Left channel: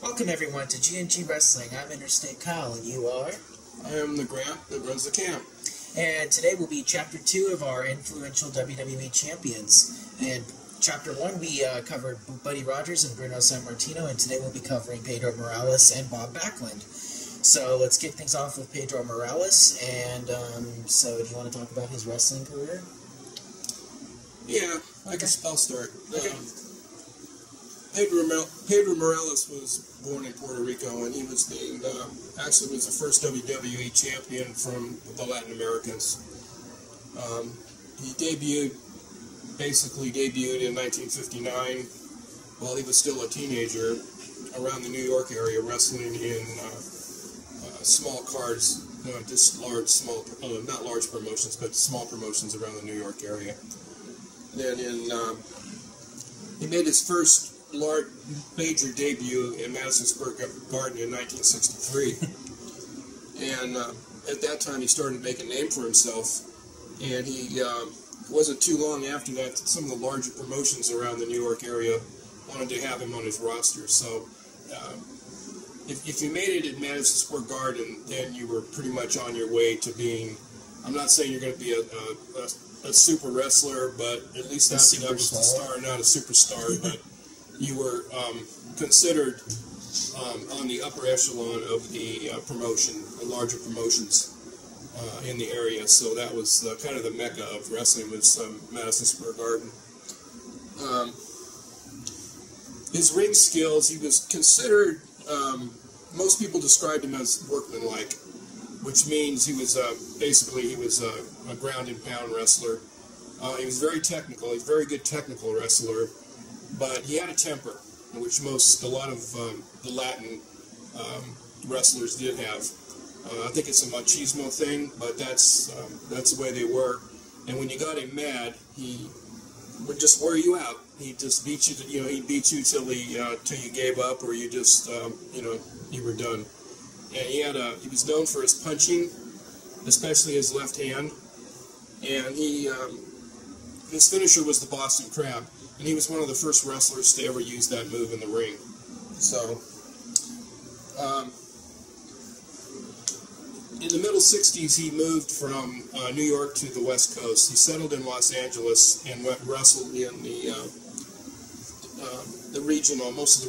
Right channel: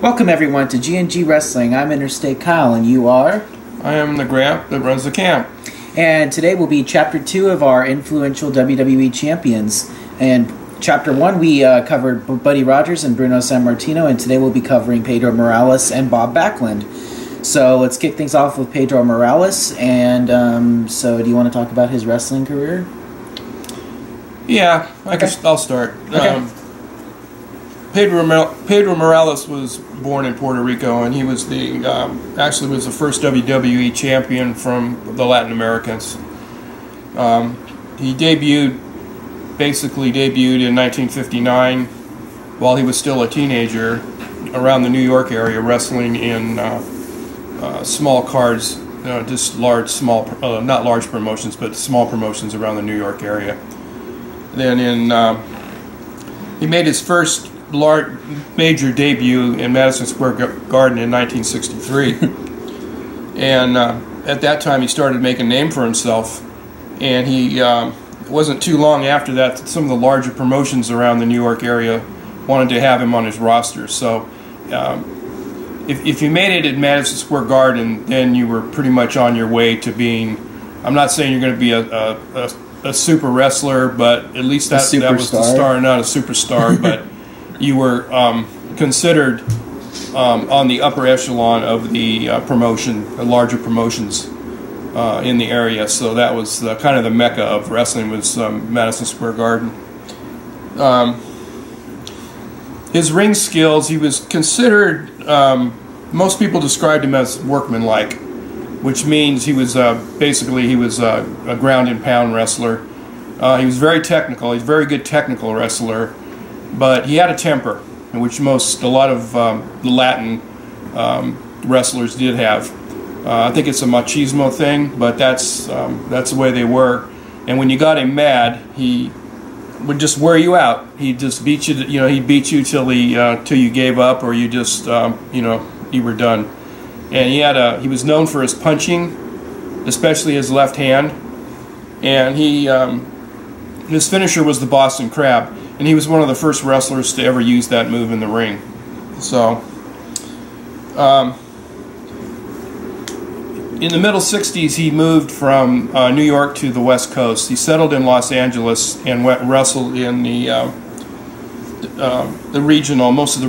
Welcome everyone to GnG Wrestling. I'm Interstate Kyle and you are? I am the Gramp that runs the camp. And today will be Chapter 2 of our influential WWE Champions. And Chapter 1 we covered Buddy Rogers and Bruno Sammartino, and today we'll be covering Pedro Morales and Bob Backlund. So let's kick things off with Pedro Morales. And so do you want to talk about his wrestling career? Yeah, I'll start. Okay. Pedro Morales was born in Puerto Rico, and he was actually was the first WWE champion from the Latin Americans. He basically debuted in 1959 while he was still a teenager around the New York area, wrestling in small cards, just not large promotions, but small promotions around the New York area. Then he made his first major debut in Madison Square Garden in 1963, and at that time he started making a name for himself, and it wasn't too long after that some of the larger promotions around the New York area wanted to have him on his roster. So if you made it at Madison Square Garden, then you were pretty much on your way to being, I'm not saying you're going to be a super wrestler, but at least that was the star, not a superstar, but you were considered on the upper echelon of the the larger promotions in the area. So that was kind of the mecca of wrestling, was Madison Square Garden. His ring skills, he was considered, most people described him as workmanlike, which means he was basically a ground and pound wrestler. He was very technical. He's a very good technical wrestler. But he had a temper, which a lot of the Latin wrestlers did have. I think it's a machismo thing, but that's the way they were. And when you got him mad, he would just wear you out. He'd just beat you. He'd beat you till you gave up, or you just you were done. And he was known for his punching, especially his left hand. And his finisher was the Boston Crab. And he was one of the first wrestlers to ever use that move in the ring. So, in the middle 60s, he moved from New York to the West Coast. He settled in Los Angeles and wrestled in most of the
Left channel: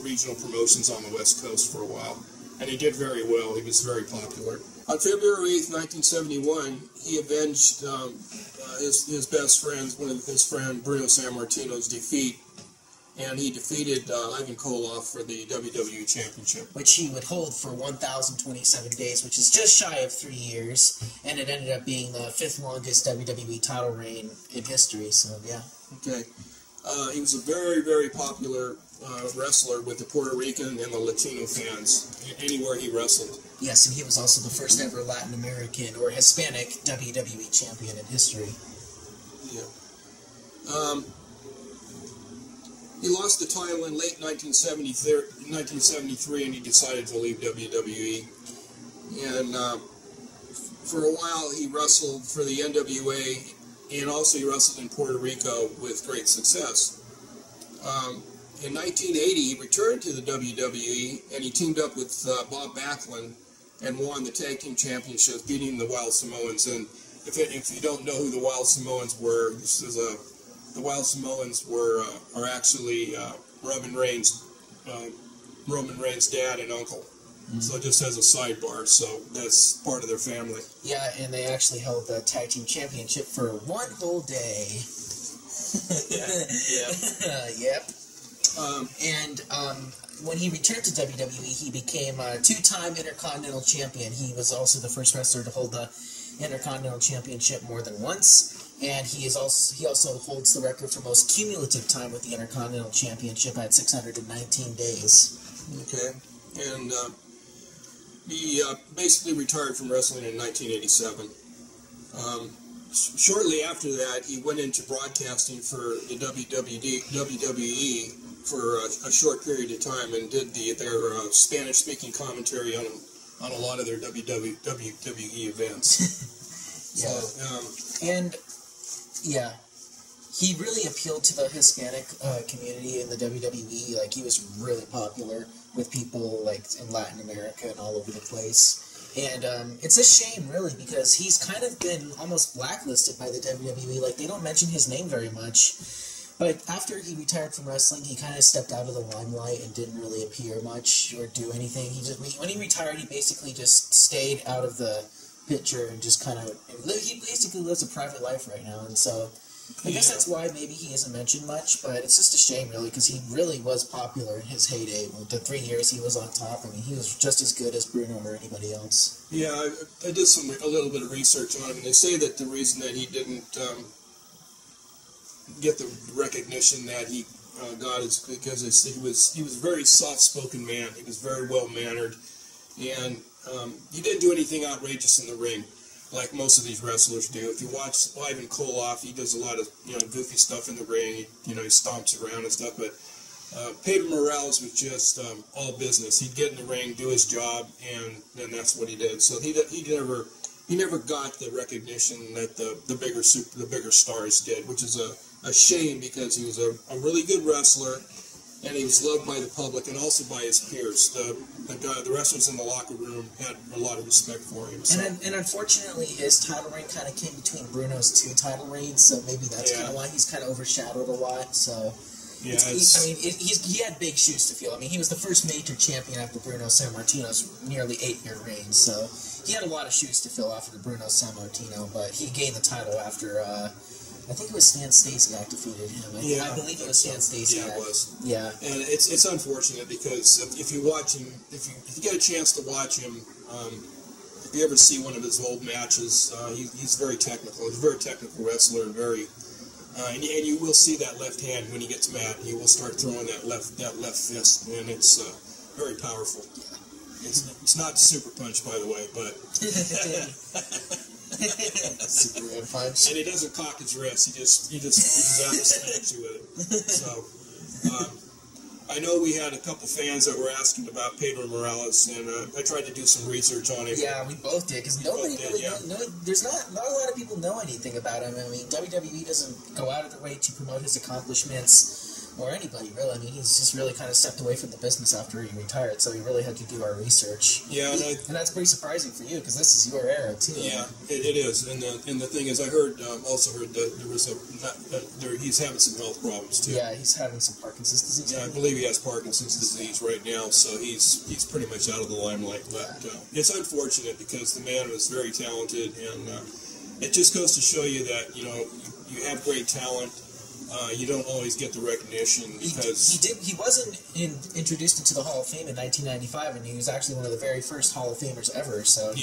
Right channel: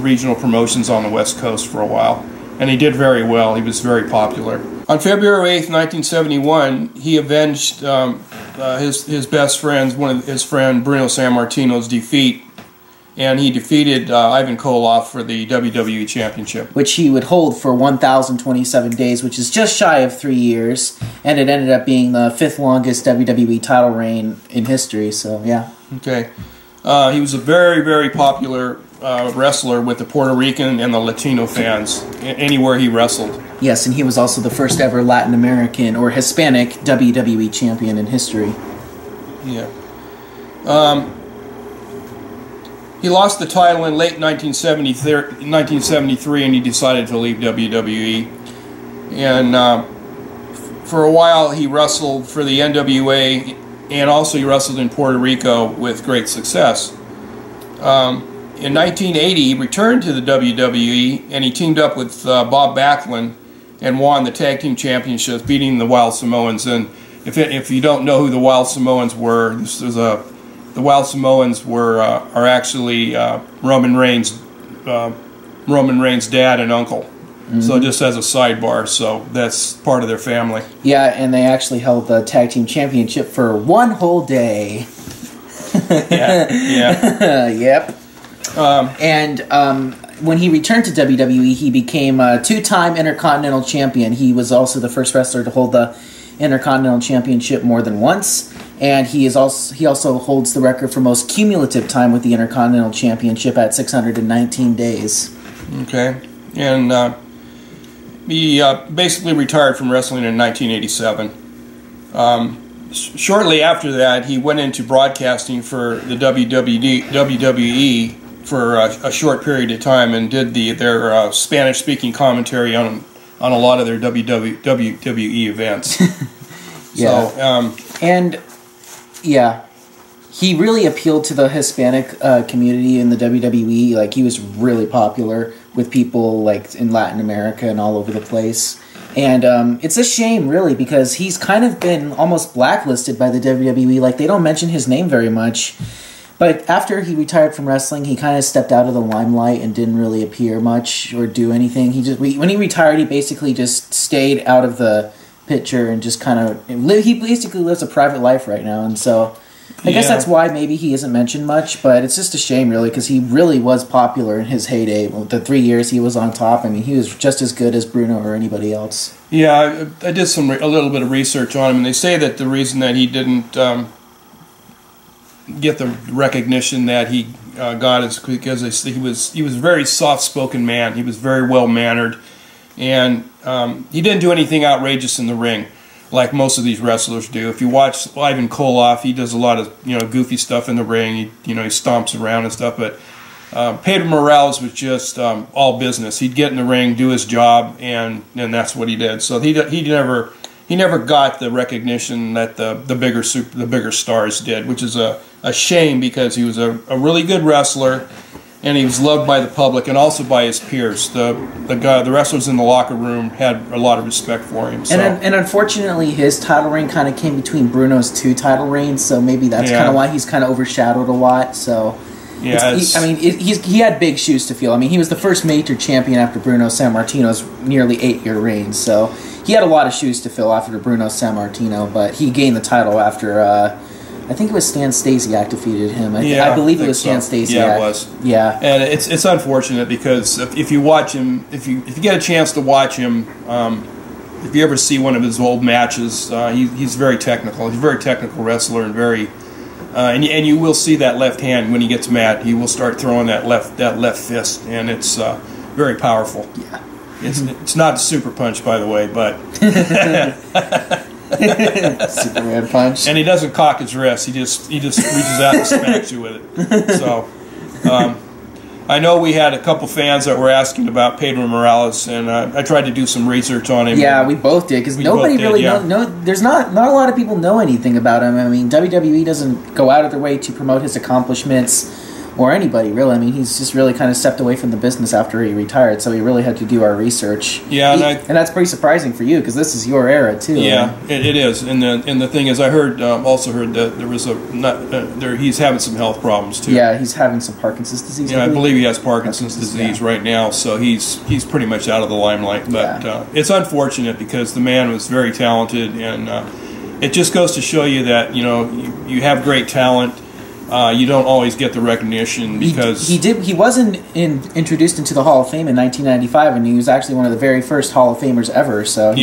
regional promotions on the West Coast for a while. And he did very well. He was very popular. On February 8th, 1971, he avenged his best friend, his friend Bruno Sammartino's defeat, and he defeated Ivan Koloff for the WWE Championship, which he would hold for 1,027 days, which is just shy of 3 years, and it ended up being the 5th longest WWE title reign in history. So yeah. Okay, he was a very, very popular wrestler with the Puerto Rican and the Latino fans anywhere he wrestled. Yes, and he was also the first ever Latin American or Hispanic WWE champion in history. Yeah. He lost the title in late 1973, and he decided to leave WWE. And for a while he wrestled for the NWA, and also he wrestled in Puerto Rico with great success. In 1980, he returned to the WWE, and he teamed up with Bob Backlund and won the Tag Team Championships, beating the Wild Samoans. And if you don't know who the Wild Samoans were, the Wild Samoans are actually Roman Reigns' dad and uncle. Mm-hmm. So just as a sidebar, so that's part of their family. Yeah, and they actually held the Tag Team Championship for one whole day. Yeah. Yep. When he returned to WWE, he became a two-time Intercontinental Champion. He was also the first wrestler to hold the Intercontinental Championship more than once, and he also holds the record for most cumulative time with the Intercontinental Championship at 619 days. Okay, and he basically retired from wrestling in 1987. Shortly after that, he went into broadcasting for the WWE for a short period of time, and did their Spanish-speaking commentary on a lot of their WWE events. Yeah. So, yeah, he really appealed to the Hispanic community in the WWE. Like, he was really popular with people like in Latin America and all over the place. And it's a shame, really, because he's kind of been almost blacklisted by the WWE. Like, they don't mention his name very much. But after he retired from wrestling, he kind of stepped out of the limelight and didn't really appear much or do anything. When he retired, he basically just stayed out of the picture and just kind of... He basically lives a private life right now, and so... I guess that's why maybe he isn't mentioned much, but it's just a shame, really, because he really was popular in his heyday. The 3 years he was on top, I mean, he was just as good as Bruno or anybody else. Yeah, I did a little bit of research on him, and they say that the reason that he didn't get the recognition that he got is because he was a very soft-spoken man. He was very well-mannered, and he didn't do anything outrageous in the ring, like most of these wrestlers do. If you watch Ivan Koloff, he does a lot of goofy stuff in the ring. He stomps around and stuff. But Pedro Morales was just all business. He'd get in the ring, do his job, and that's what he did. So he never got the recognition that the bigger stars did, which is a shame because he was a really good wrestler. And he was loved by the public and also by his peers. The wrestlers in the locker room had a lot of respect for him. So. And unfortunately, his title reign kind of came between Bruno's 2 title reigns, so maybe that's kind of why he's kind of overshadowed a lot. So, he had big shoes to fill. I mean, he was the first major champion after Bruno Sammartino's nearly 8-year reign. So he had a lot of shoes to fill after Bruno Sammartino, but he gained the title after. I think it was Stan Stasiak defeated him. I believe it was Stan Stasiak. Yeah, it was. Yeah, and it's unfortunate because if you watch him, if you get a chance to watch him, if you ever see one of his old matches, he's very technical. He's a very technical wrestler and very, and you will see that left hand when he gets mad. He will start throwing that left fist, and it's very powerful. Yeah, it's not a super punch, by the way, but. Superman punch. And he doesn't cock his wrist. He just reaches out and smacks you with it. So, I know we had a couple fans that were asking about Pedro Morales, and I tried to do some research on him. Yeah, we both did because nobody really there's not a lot of people know anything about him. I mean, WWE doesn't go out of their way to promote his accomplishments. Or anybody, really. I mean, he's just really kind of stepped away from the business after he retired, so we really had to do our research. Yeah, and that's pretty surprising for you, because this is your era, too. Yeah, it is. And the thing is, I also heard that there was he's having some health problems, too. Yeah, he's having some Parkinson's disease. Yeah, I believe he has Parkinson's disease right now, so he's pretty much out of the limelight. But it's unfortunate, because the man was very talented, and it just goes to show you that, you have great talent. You don't always get the recognition because he wasn't introduced into the Hall of Fame in 1995, and he was actually one of the very first Hall of Famers ever. So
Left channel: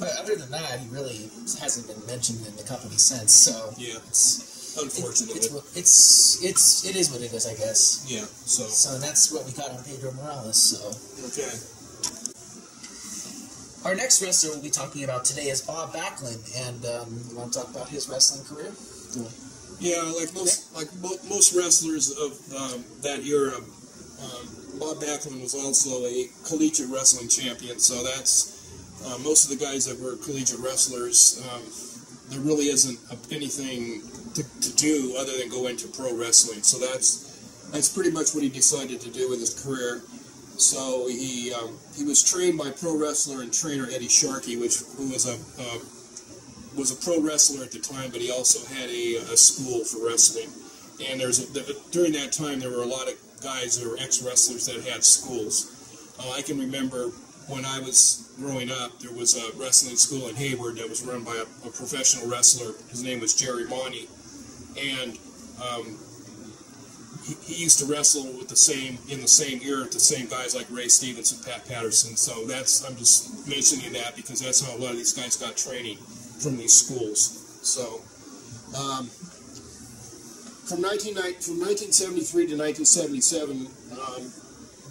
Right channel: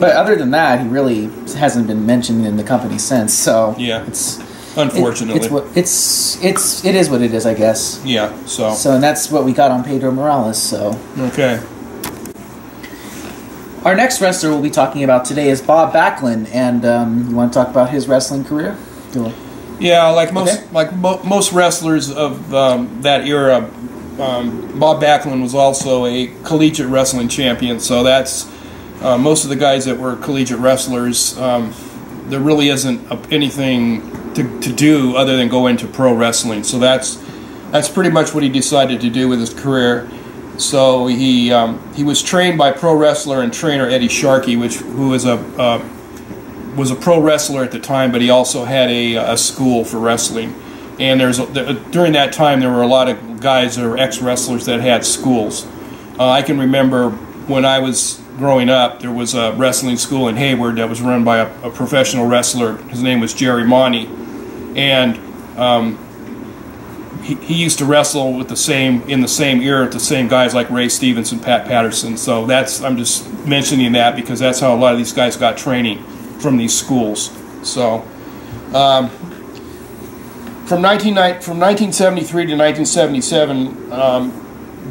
but other than that, he really hasn't been mentioned in the company since. So it's unfortunately it is what it is, I guess. Yeah. So and that's what we got on Pedro Morales. So okay. Our next wrestler we'll be talking about today is Bob Backlund, and you want to talk about his wrestling career? Yeah, like most wrestlers of that era, Bob Backlund was also a collegiate wrestling champion. So that's most of the guys that were collegiate wrestlers. There really isn't anything to do other than go into pro wrestling. So that's pretty much what he decided to do with his career. So he was trained by pro wrestler and trainer Eddie Sharkey, who was a pro wrestler at the time, but he also had a school for wrestling. And during that time, there were a lot of guys that were ex-wrestlers that had schools. I can remember when I was growing up, there was a wrestling school in Hayward that was run by a professional wrestler. His name was Jerry Monty, and he used to wrestle in the same era with the same guys like Ray Stevens and Pat Patterson. So I'm just mentioning that because that's how a lot of these guys got training from these schools. So from 1973 to 1977,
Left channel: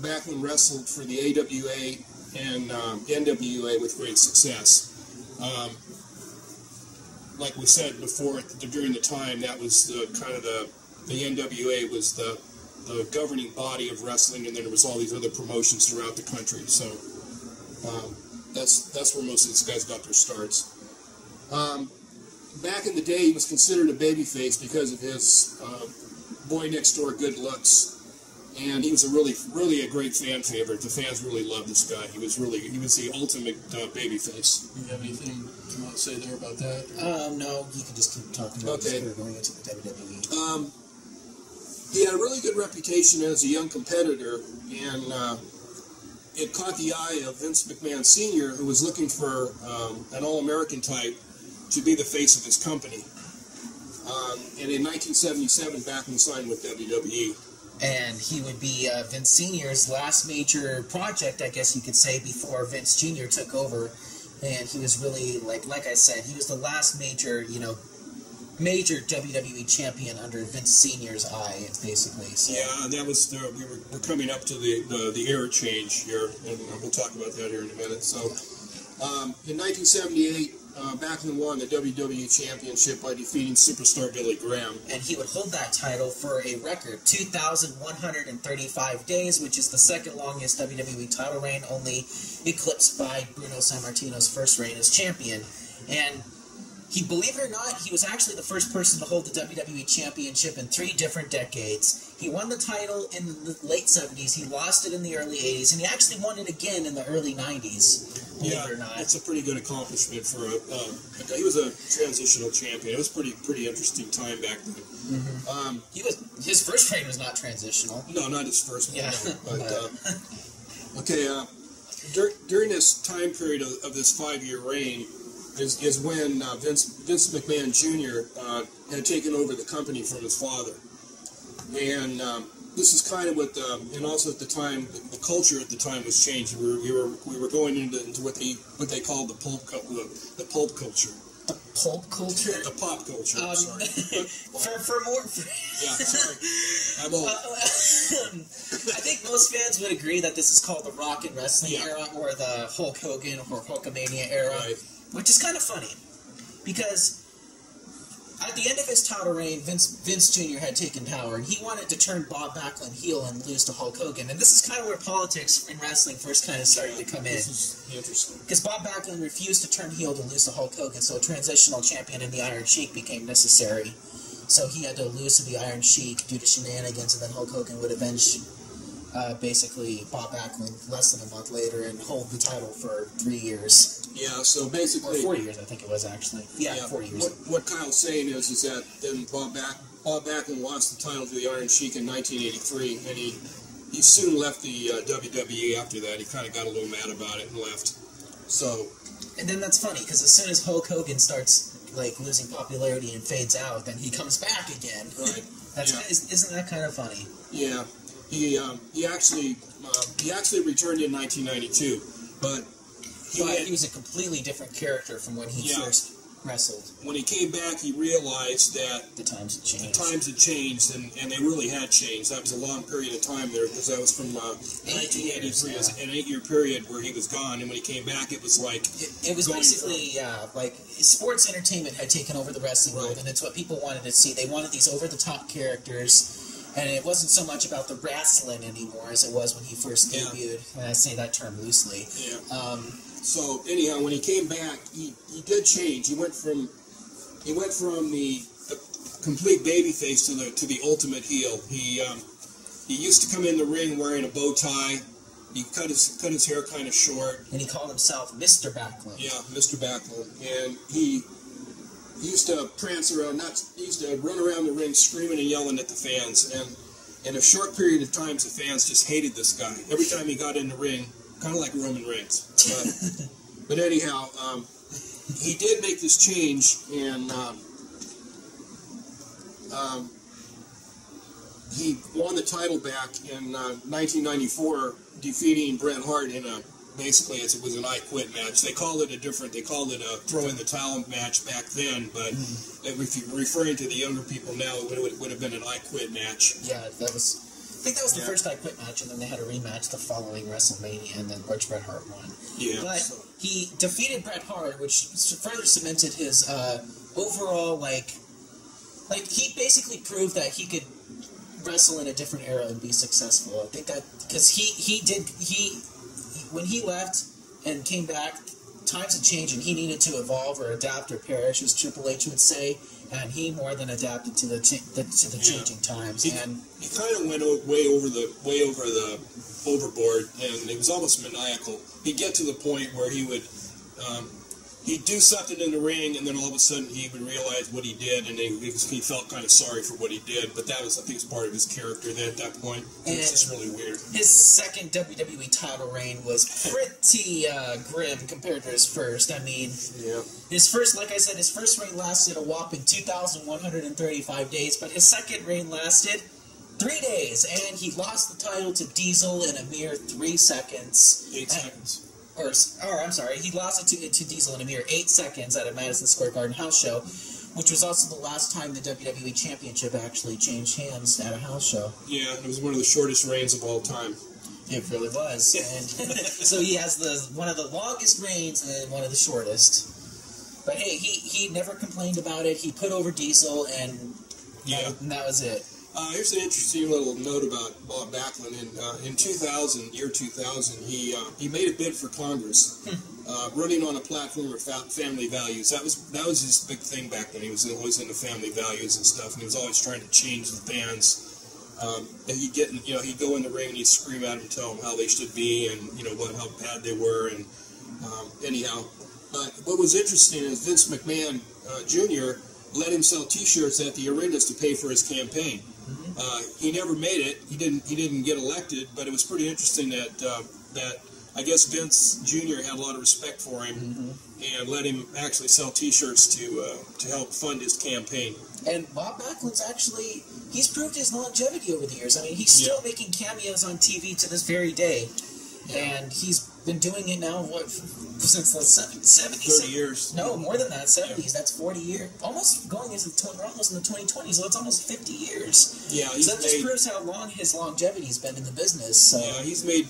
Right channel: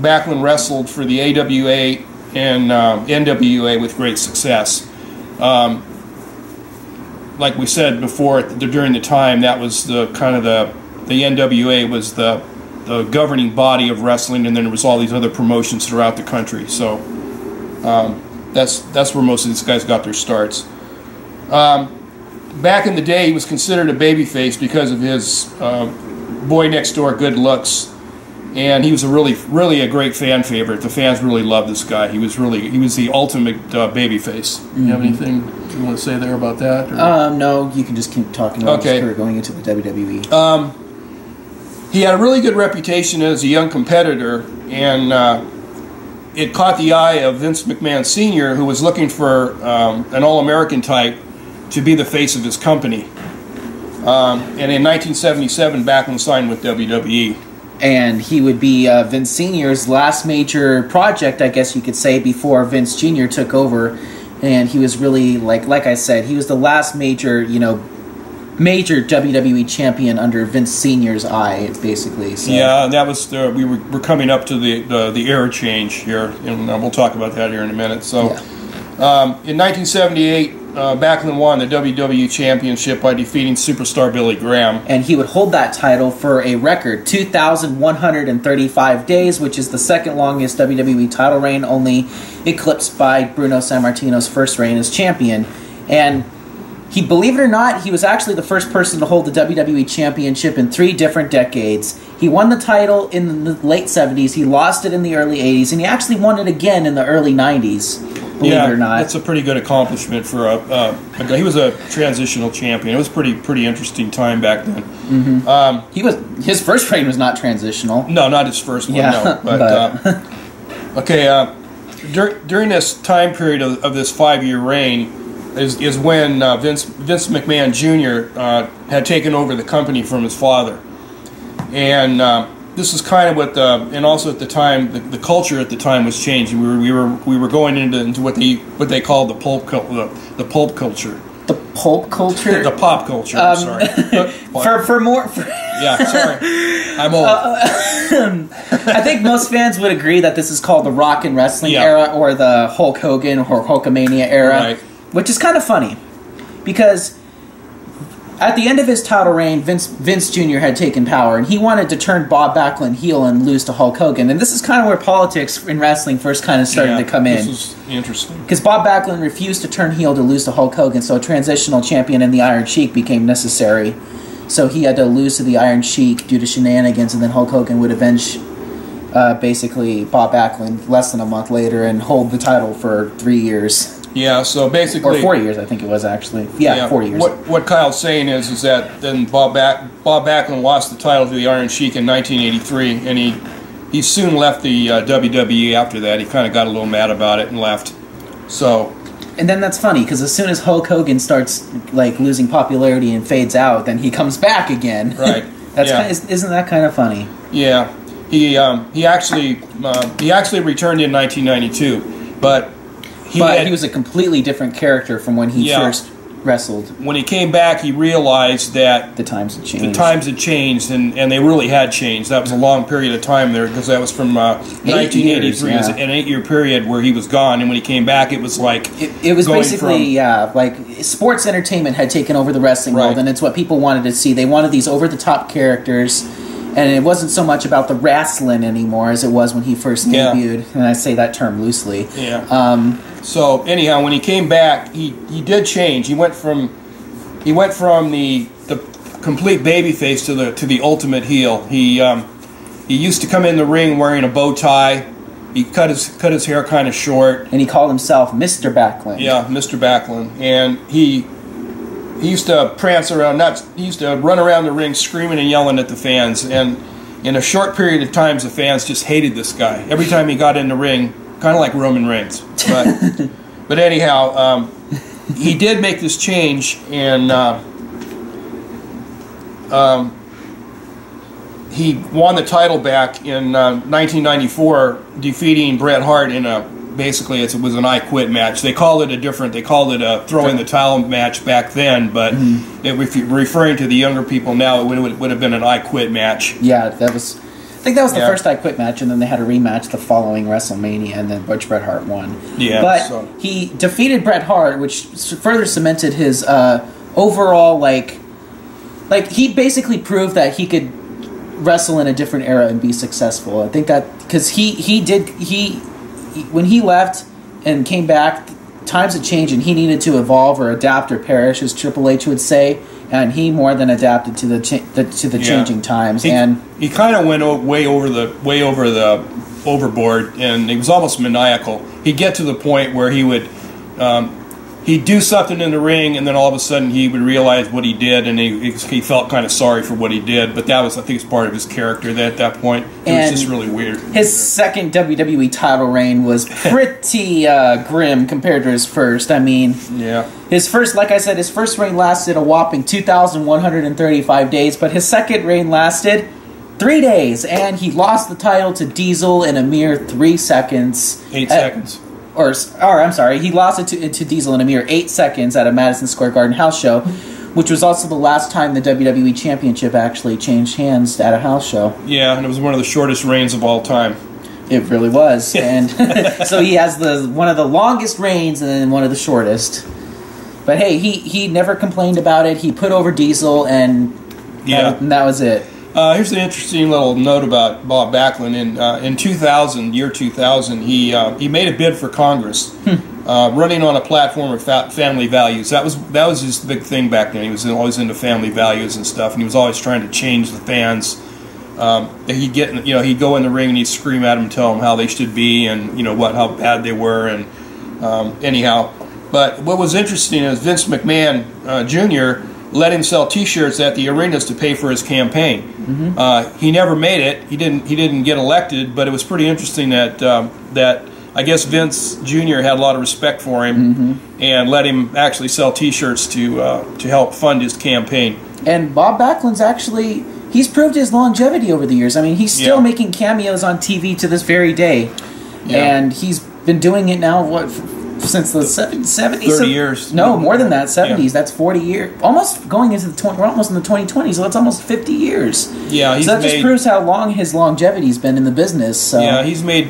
Backlund wrestled for the AWA and NWA with great success. Like we said before, during the time, that was the NWA was the governing body of wrestling, and then there was all these other promotions throughout the country. So that's where most of these guys got their starts. Back in the day, he was considered a babyface because of his boy next door good looks, and he was really a great fan favorite. The fans really loved this guy. He was the ultimate babyface. You have anything you want to say there about that? No, you can just keep talking about his career going into the WWE. He had a really good reputation as a young competitor, and it caught the eye of Vince McMahon Sr., who was looking for an All-American type to be the face of his company. And in 1977, Backlund signed with WWE. And he would be Vince Sr.'s last major project, I guess you could say, before Vince Jr. took over. And he was really, like I said, he was the last major WWE champion under Vince Sr.'s eye, basically. So. Yeah, and that was we're coming up to the era change here, and we'll talk about that here in a minute. So, in 1978, Backlund won the WWE Championship by defeating superstar Billy Graham. And he would hold that title for a record 2,135 days, which is the second longest WWE title reign, only eclipsed by Bruno Sammartino's first reign as champion. And he, believe it or not, he was actually the first person to hold the WWE Championship in 3 different decades. He won the title in the late 70s, he lost it in the early 80s, and he actually won it again in the early 90s. Believe it or not. That's a pretty good accomplishment for a guy. He was a transitional champion. It was pretty interesting time back then. Mm-hmm. His first reign was not transitional. No, not his first one. Yeah, no. But during this time period of this 5-year reign is when Vince McMahon Jr. Had taken over the company from his father, and this is kind of what and also at the time the culture at the time was changing. We were going into what they called the pulp culture. The pulp culture? The pop culture. I'm sorry. Yeah, sorry. I'm old. I think most fans would agree that this is called the Rock and Wrestling era, or the Hulk Hogan or Hulkamania era, right. Which is kind of funny because at the end of his title reign, Vince Jr. had taken power, and he wanted to turn Bob Backlund heel and lose to Hulk Hogan. And this is kind of where politics in wrestling first kind of started to come in. This is interesting. Because Bob Backlund refused to turn heel to lose to Hulk Hogan, so a transitional champion in the Iron Sheik became necessary. So he had to lose to the Iron Sheik due to shenanigans, and then Hulk Hogan would avenge basically Bob Backlund less than a month later and hold the title for 3 years. Yeah, so basically... Or 4 years, I think it was, actually. Yeah, 4 years. What Kyle's saying is that then Bob Backlund lost the title to the Iron Sheik in 1983, and he soon left the WWE after that. He kind of got a little mad about it and left. So... And then that's funny, because as soon as Hulk Hogan starts losing popularity and fades out, then he comes back again. Right. Isn't that kind of funny? Yeah. He actually returned in 1992, but... He was a completely different character from when he first wrestled. When he came back, he realized that the times had changed. And they really had changed. That was a long period of time there, because that was from 1983. It was an 8-year period where he was gone, and when he came back, it was like... It was basically, sports entertainment had taken over the wrestling world, and it's what people wanted to see. They wanted these over-the-top characters, and it wasn't so much about the wrestling anymore as it was when he first debuted, and I say that term loosely. Yeah. So anyhow, when he came back, he did change. He went from the complete babyface to the ultimate heel. He used to come in the ring wearing a bow tie. He cut his hair kind of short, and he called himself Mr. Backlund. Yeah, Mr. Backlund, and he used to prance around. He used to run around the ring screaming and yelling at the fans. And in a short period of time, the fans just hated this guy. Every time he got in the ring. Kind of like Roman Reigns, but anyhow, he did make this change, and he won the title back in 1994, defeating Bret Hart in basically it was an I Quit match. They called it a throw in the towel match back then, but if you're referring to the younger people now, it would have been an I Quit match. Yeah, I think that was the first I Quit match, and then they had a rematch the following WrestleMania, and then Bret Hart won. Yeah, but he defeated Bret Hart, which further cemented his overall he basically proved that he could wrestle in a different era and be successful. I think that because when he left and came back, times had changed, and he needed to evolve or adapt or perish, as Triple H would say. and he more than adapted to the changing times. And he kind of went way over the overboard, and he was almost maniacal. He'd get to the point where he would he'd do something in the ring, and then all of a sudden he would realize what he did, and he felt kind of sorry for what he did. But that was, I think, part of his character. At that point, it was just really weird. His second WWE title reign was pretty grim compared to his first. I mean, yeah, his first, like I said, his first reign lasted a whopping 2,135 days, but his second reign lasted 3 days, and he lost the title to Diesel in a mere 3 seconds. 8 seconds. Or I'm sorry, he lost it to Diesel in a mere 8 seconds at a Madison Square Garden house show, which was also the last time the WWE Championship actually changed hands at a house show. Yeah, and it was one of the shortest reigns of all time. It really was. And so he has one of the longest reigns and then one of the shortest. But hey, he never complained about it. He put over Diesel, and that was it. Here's an interesting little note about Bob Backlund. In 2000, year 2000, he made a bid for Congress, running on a platform of family values. That was his big thing back then. He was always into family values and stuff, and he was always trying to change the fans. He'd go in the ring and he'd scream at them, and tell them how they should be, and how bad they were, and anyhow. But what was interesting is Vince McMahon Jr. let him sell T-shirts at the arenas to pay for his campaign. Mm-hmm. He never made it. He didn't get elected, but it was pretty interesting that I guess Vince Jr. had a lot of respect for him, and let him actually sell T-shirts to help fund his campaign. And Bob Backlund's he's proved his longevity over the years. I mean, he's still making cameos on TV to this very day, and he's been doing it now since the 70s. 30 years. No, more than that, 70s. Yeah. That's 40 years. Almost going into we're almost in the 2020s, so that's almost 50 years. Yeah, so that just proves how long his longevity's been in the business. So. Yeah, he's made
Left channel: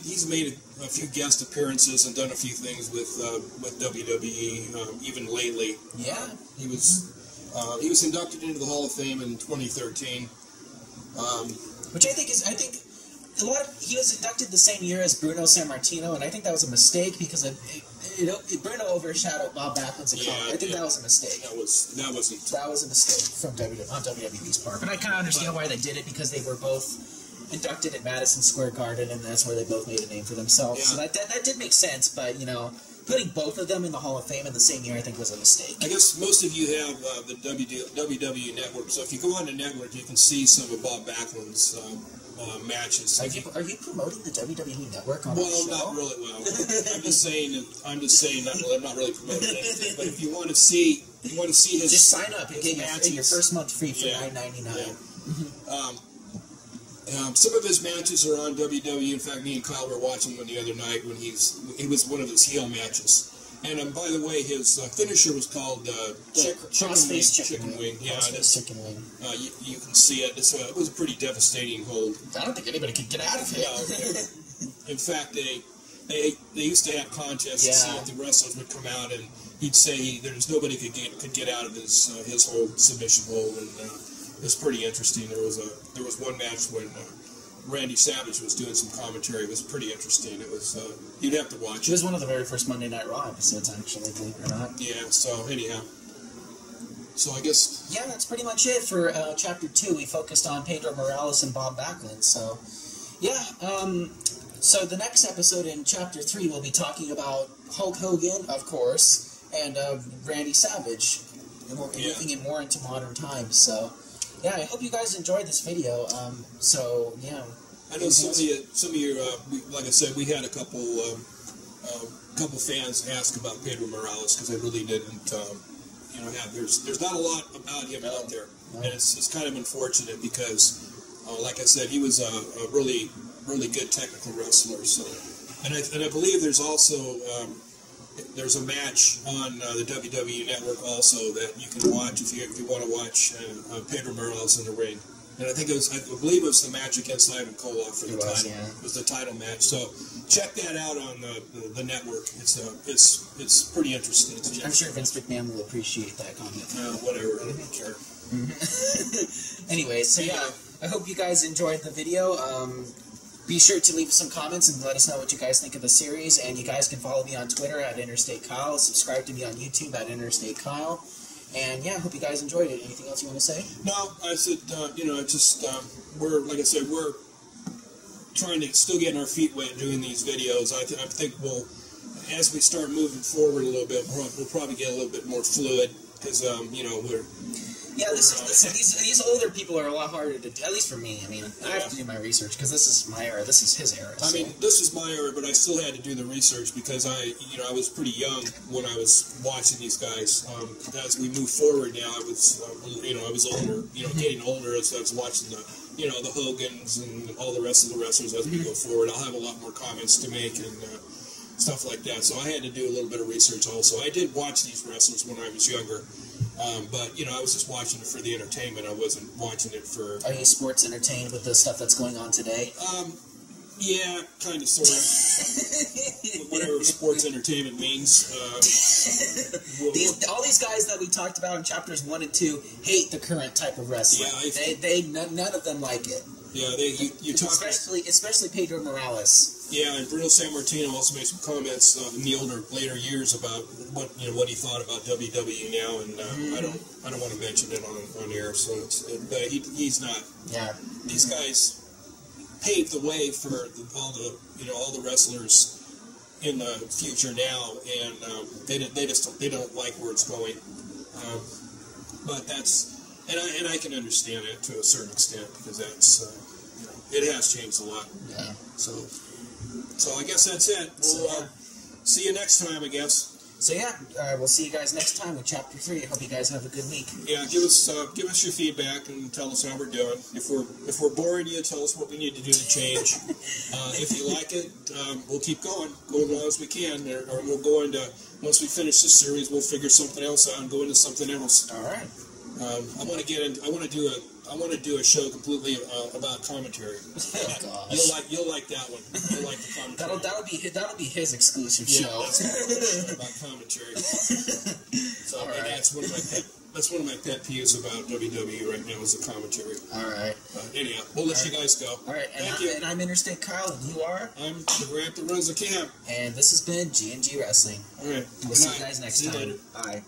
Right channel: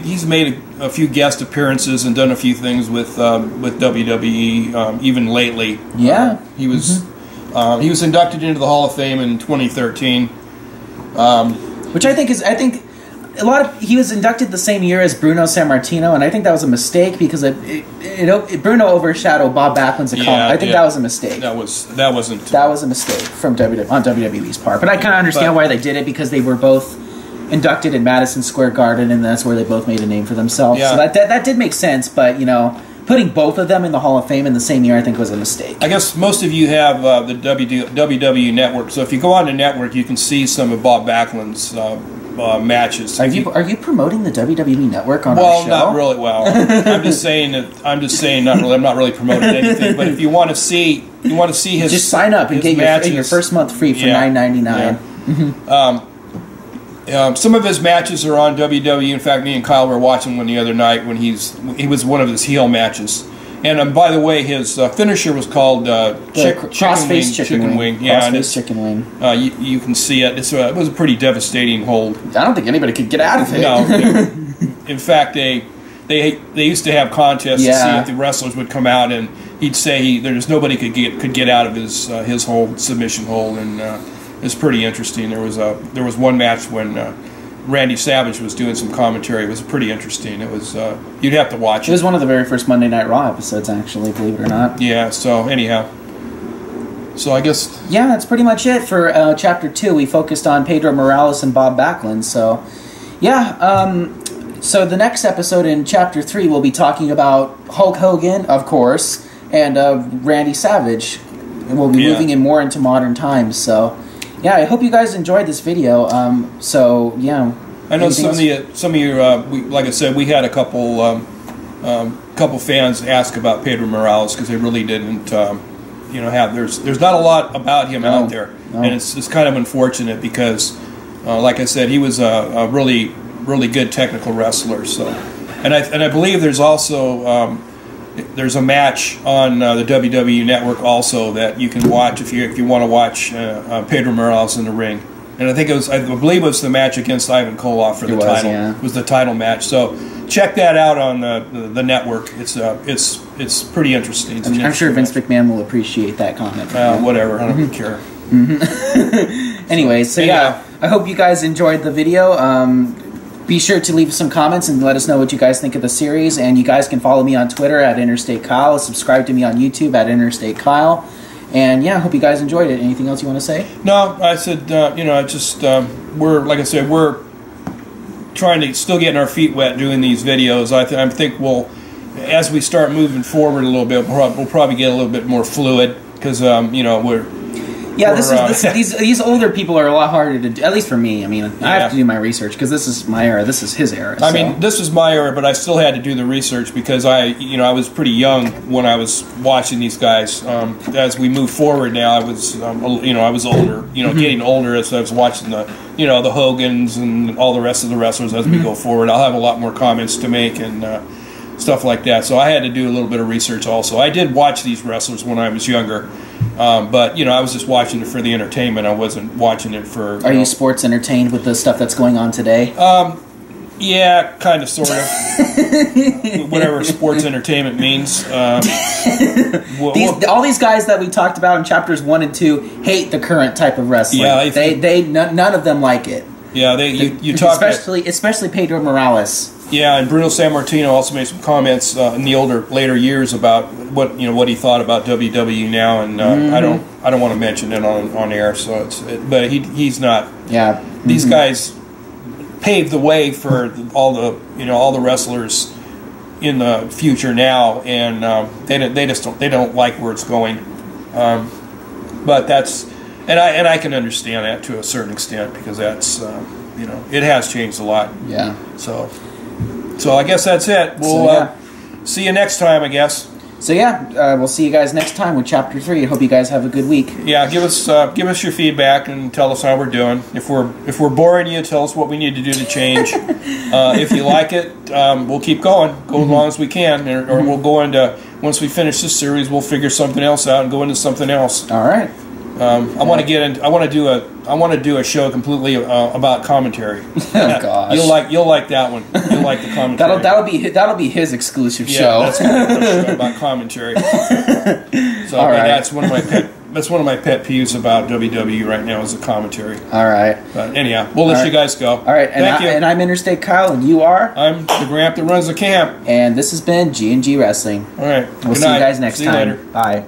a few guest appearances and done a few things with WWE, even lately. Yeah. He was inducted into the Hall of Fame in 2013. Which I think he was inducted the same year as Bruno Sammartino, and I think that was a mistake because Bruno overshadowed Bob Backlund's accomplishment. I think that was a mistake. That was a mistake from on WWE's part. But I kind of understand why they did it, because they were both inducted at Madison Square Garden, and that's where they both made a name for themselves. Yeah. So that did make sense, but putting both of them in the Hall of Fame in the same year, I think, was a mistake. I guess most of you have the WWE Network, so if you go on the network, you can see some of Bob Backlund's matches. Are you promoting the WWE Network on our show? Well, not really. Well, I'm just saying not really. I'm not really promoting anything. But if you want to see his, just sign up and get your first month free for $9.99. Yeah. Some of his matches are on WWE. In fact, me and Kyle were watching one the other night when he was one of his heel matches. And by the way, his finisher was called Crossface Chicken Wing. Yeah, Crossface Chicken Wing. You can see it. It was a pretty devastating hold. I don't think anybody could get out of it. No. In fact, they used to have contests to see if the wrestlers would come out, and he'd say there's nobody could get out of his hold, submission hold, and it was pretty interesting. There was one match when Randy Savage was doing some commentary. It was pretty interesting. It was you'd have to watch it. It was one of the very first Monday Night Raw episodes, actually, believe it or not. Yeah. So anyhow, I guess that's pretty much it for Chapter 2. We focused on Pedro Morales and Bob Backlund. So so the next episode in Chapter 3, we'll be talking about Hulk Hogan, of course, and Randy Savage, and we'll be moving in more into modern times. So. Yeah, I hope you guys enjoyed this video. I know some of you. Like I said, we had a couple fans ask about Pedro Morales because they really didn't. There's not a lot about him out there, and it's kind of unfortunate because, like I said, he was a really good technical wrestler. So, and I believe there's also. There's a match on the WWE Network also that you can watch if you want to watch Pedro Morales in the ring, and I believe it was the match against Ivan Koloff for the title. Yeah. It was the title match. So check that out on the network. It's pretty interesting. I'm sure Vince McMahon will appreciate that comment. Whatever, I don't care. Anyways, I hope you guys enjoyed the video. Be sure to leave some comments and let us know what you guys think of the series. And you guys can follow me on Twitter at Interstate Kyle. Subscribe to me on YouTube at Interstate Kyle. And yeah, I hope you guys enjoyed it. Anything else you want to say? No, I said, I just, we're, like I said, we're trying to still getting our feet wet doing these videos. I think we'll, as we start moving forward a little bit, we'll probably get a little bit more fluid because, we're... Yeah, these older people are a lot harder to do, at least for me. I mean, I have to do my research because this is my era. This is his era. I mean, this is my era, but I still had to do the research because I was pretty young when I was watching these guys. As we move forward now, I was older. Getting older as I was watching the Hogans and all the rest of the wrestlers as we go forward. I'll have a lot more comments to make and stuff like that. So I had to do a little bit of research also. I did watch these wrestlers when I was younger. But I was just watching it for the entertainment. I wasn't watching it for. Are you sports entertained with the stuff that's going on today? Yeah, kind of, sort of. Whatever sports entertainment means. All these guys that we talked about in chapters 1 and 2 hate the current type of wrestling. Yeah, none of them like it. Yeah, you talk especially Pedro Morales. Yeah, and Bruno Sammartino also made some comments in the later years about what he thought about WWE now, and I don't want to mention it on air. So but he's not. Yeah, these guys paved the way for all the wrestlers in the future now, and they don't like where it's going. But that's and I can understand that to a certain extent because that's it has changed a lot. Yeah. So I guess that's it. We'll see you next time, I guess. So yeah, we'll see you guys next time with Chapter 3. I hope you guys have a good week. Yeah, give us your feedback and tell us how we're doing. If we're boring you, tell us what we need to do to change. If you like it, we'll keep going, as long as we can, or we'll go into, once we finish this series, we'll figure something else out and go into something else. All right. I want to do a show completely about commentary. Oh gosh, you'll like that one. You'll like the commentary. That'll be his exclusive show. That's a show about commentary. So that's one of my pet peeves about WWE right now is the commentary. All right. But anyhow, we'll let you guys go. All right. Thank you. And I'm Interstate Kyle, and you are? I'm the Gramp that runs the camp. And this has been GnG Wrestling. All right. We'll see you guys next time. Later. Bye.